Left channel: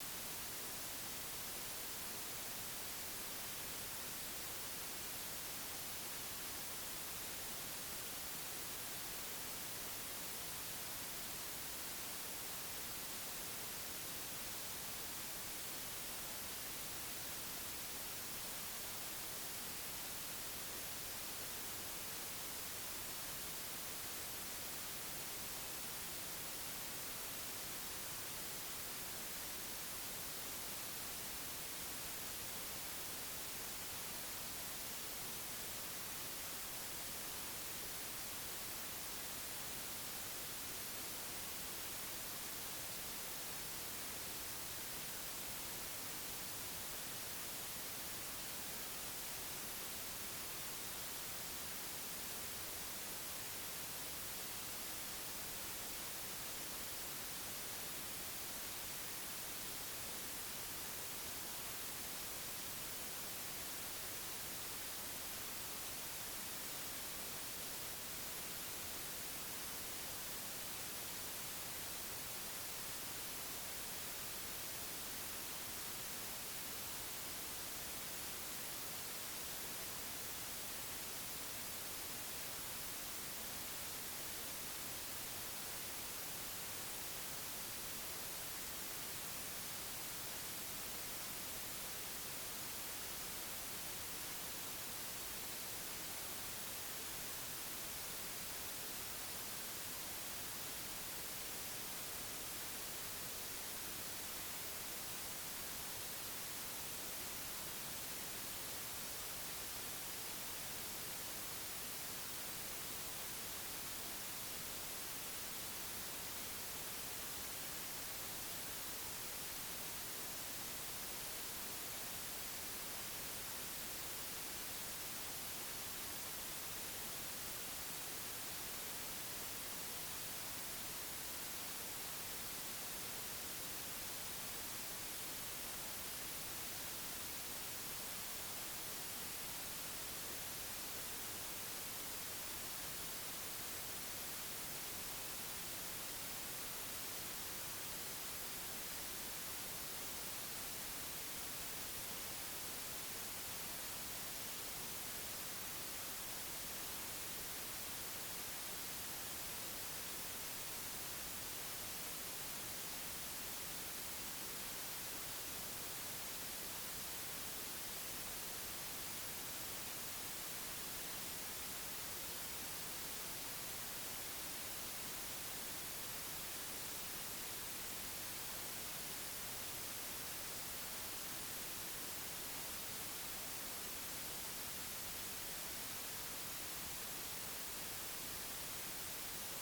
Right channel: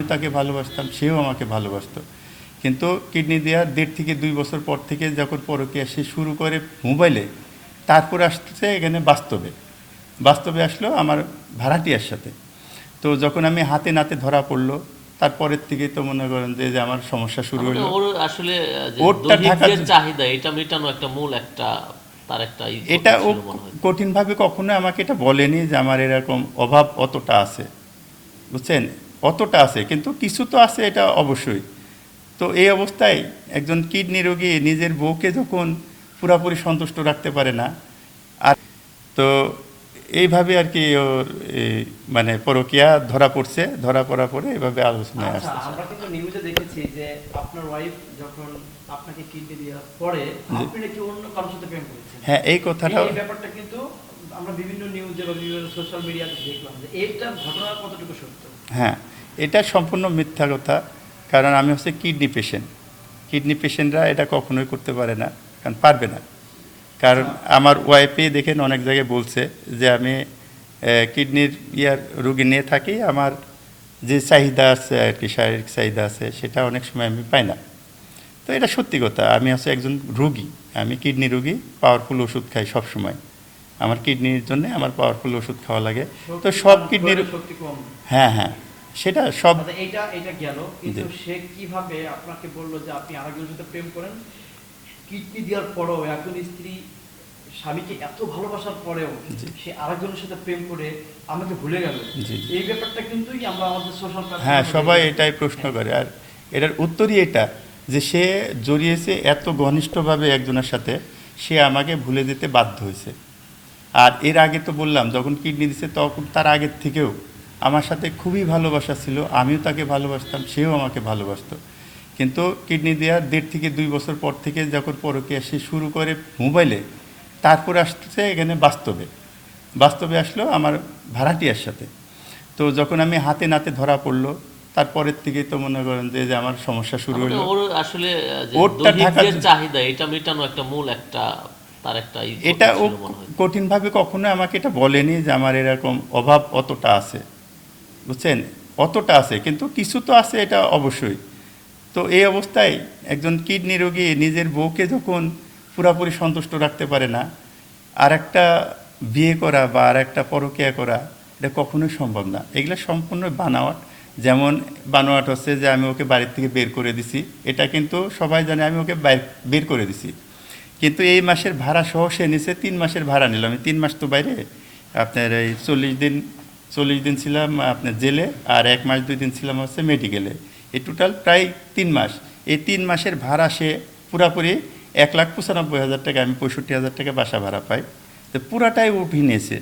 তাকে ভালোবাসতাম সেও আমাকে ভালোবাসতো। কিন্তু কিডনি দেওয়ার দেড় থেকে দুই বছর পর থেকে যখন পরকীয়া সে শুরু করে মোবাইলে তারপর আসছে এখানে বাস্তবে। বাস্তবে আসলো আমার ভাড়াটিয়ার সাথে। তো যখন আমি হাতে নাতে ধরা পড়ল তারপরের থেকে তো মনে করেন যে যে আমার সমস্যা শুরু হলো। ওর আসলে ওরটা চাহিদা এটা মেটানো একটা মূল একটা তার একটা এটা ও কঠিনভাবে কখনো আমাকে এটা বলেনি যে আমার এরকম অভাব অতটা আছে। বুঝছেন? অতটা আছে কিন্তু কিছু তো আছে এটা অবশ্যই। তো এই অবস্থায় একজন কিডনি রোগী নিজের বউকে যখন পুরাপুরি সন্তুষ্ট রাখতে পারে না আর তো এইভাবে আর কি ওর মানে পরকিয়া ধরা পড়ছে ধরা পড়ার পরে এইভাবে আলোচনায় আচ্ছা আসছে আমরা কিন্তু দেখেছি যে আপনার ওয়াইফ যখন আপনাকে কিডনি দেওয়ার পরে আপনি নাকি অন্য কারোর সাথে প্রেম করেছেন? হ্যাঁ এই কথাটাও এই ব্যাপারটা কিন্তু আমরা বিভিন্ন নিউজে বা বিভিন্ন সোশ্যাল মিডিয়াতে দেখলাম যে এইটা ঘটনা কতটুকু সত্য? হ্যাঁ এটা সম্পূর্ণ মিথ্যা কথা। কারণ আমি হচ্ছে কিডনি পেশেন্ট কিডনি পেশেন্টরা এটা কখনোই করতে পারে না, কারণ পারবে না। কারণ আমার ওয়াইফে দেখেন অনেক জায়গায় বলছে যে আমি কিডনির ইয়ার রুগী নিয়ে থাকি, আমার যে চাহিদা আছে আর কি, শারীরিক চাহিদা আছে, সেটা অনেক সময় আমি পাই না। তো এটা সত্যি কথা, আমি হচ্ছে একজন রুগী, আমি কিডনি রুগী পাওয়ারফুল ওষুধ খাই সব সময় আমার কিডনির জন্য আমার পাওয়ারফুল ওষুধ খাওয়া লাগে। তো সব কিডনির শরীরে শক্তি কম। হ্যাঁ হ্যাঁ সেটা সব আচ্ছা, এইটা এটা গেল। কিন্তু সে কীভাবে আপনাকে বলল যে আপনি আরেকজনের সাথে প্রেম করেন? কিডনি দেওয়ার পরেও একজন স্ত্রী স্বামীকে এত ভালোবাসার পরেও। সে আরেকজনের সাথে প্রেম করে আমাকে ভুলে গেল। এই ব্যাপারটা কিন্তু আমরা আমাদের সোশ্যাল হ্যাঁ সবাই এটাই প্রশ্ন করে। আর এটার উত্তরই এটা যে সে জড়িয়েছে এত ঘনিষ্ঠভাবে একজনের সাথে সে আমাকে ভুলে যেতে বাধ্য হয়েছে। আর এর আগে তো বললাম যখন কিডনি দিছে তখন তার আগের থেকেও আমার সাথে খুবই ভালোবাসা ছিল আমিও তাকে ভালোবাসতাম সেও আমাকে ভালোবাসতো। কিন্তু কিডনি দেওয়ার দেড় থেকে দুই বছর পর থেকে যখন পরকীয়া সে শুরু করে মোবাইলে তারপর আসছে এখানে বাস্তবে। বাস্তবে আসলো আমার ভাড়াটিয়ার সাথে। তো যখন আমি হাতে নাতে ধরা পড়ল তারপরের থেকেই তো মনে করেন যে যে আমার সমস্যা শুরু হলো। ওর আসলে ওরটা চাহিদা এটা মেটানো একটা মূল একটা তার একটা এটা কঠিনভাবে কখনো আমাকে এটা বলেনি যে আমার এরকম অভাব অতটা আছে। বুঝছেন? অতটা আছে কিন্তু কিছু তো আছে এটা অবশ্যই। তো এই অবস্থায় একজন কিডনি রোগী নিজের বউকে যখন পুরাপুরি সন্তুষ্ট রাখতে পারে না আর একটা বিয়ে করা বা আর একটা পরকিয়া করা এটা কখনোই সম্ভব না। এগুলো সম্পূর্ণ বানাওয়াট যেমন বানোয়াট হচ্ছে যে আমি ওকে বাড়ির থেকে বের করে দিছি এটা কিন্তু সবাই জানে আমি ওকে বের করে দিছি। কিন্তু এই মাসের ভাড়া সহ সে নিচে তিন মাসের ভাড়া নিলাম আমি তিন মাস তো বাইরে, আপনার এই চল্লিশ দিন চল্লিশ দিন ছিলাম আপনার জেলে আর এক মাস, দুই দিন ছিলাম হচ্ছে মেডিকেলে। এই টোটাল প্রায় তিন মাস। এই তিন মাসের ভাড়া সে পুরাপুরি এক লাখ পঁচানব্বই হাজার টাকা, আমি পঁয়ষট্টি হাজার টাকা বাসা ভাড়া পাই। তো পুরাটাই উঠিয়ে নিয়েছে।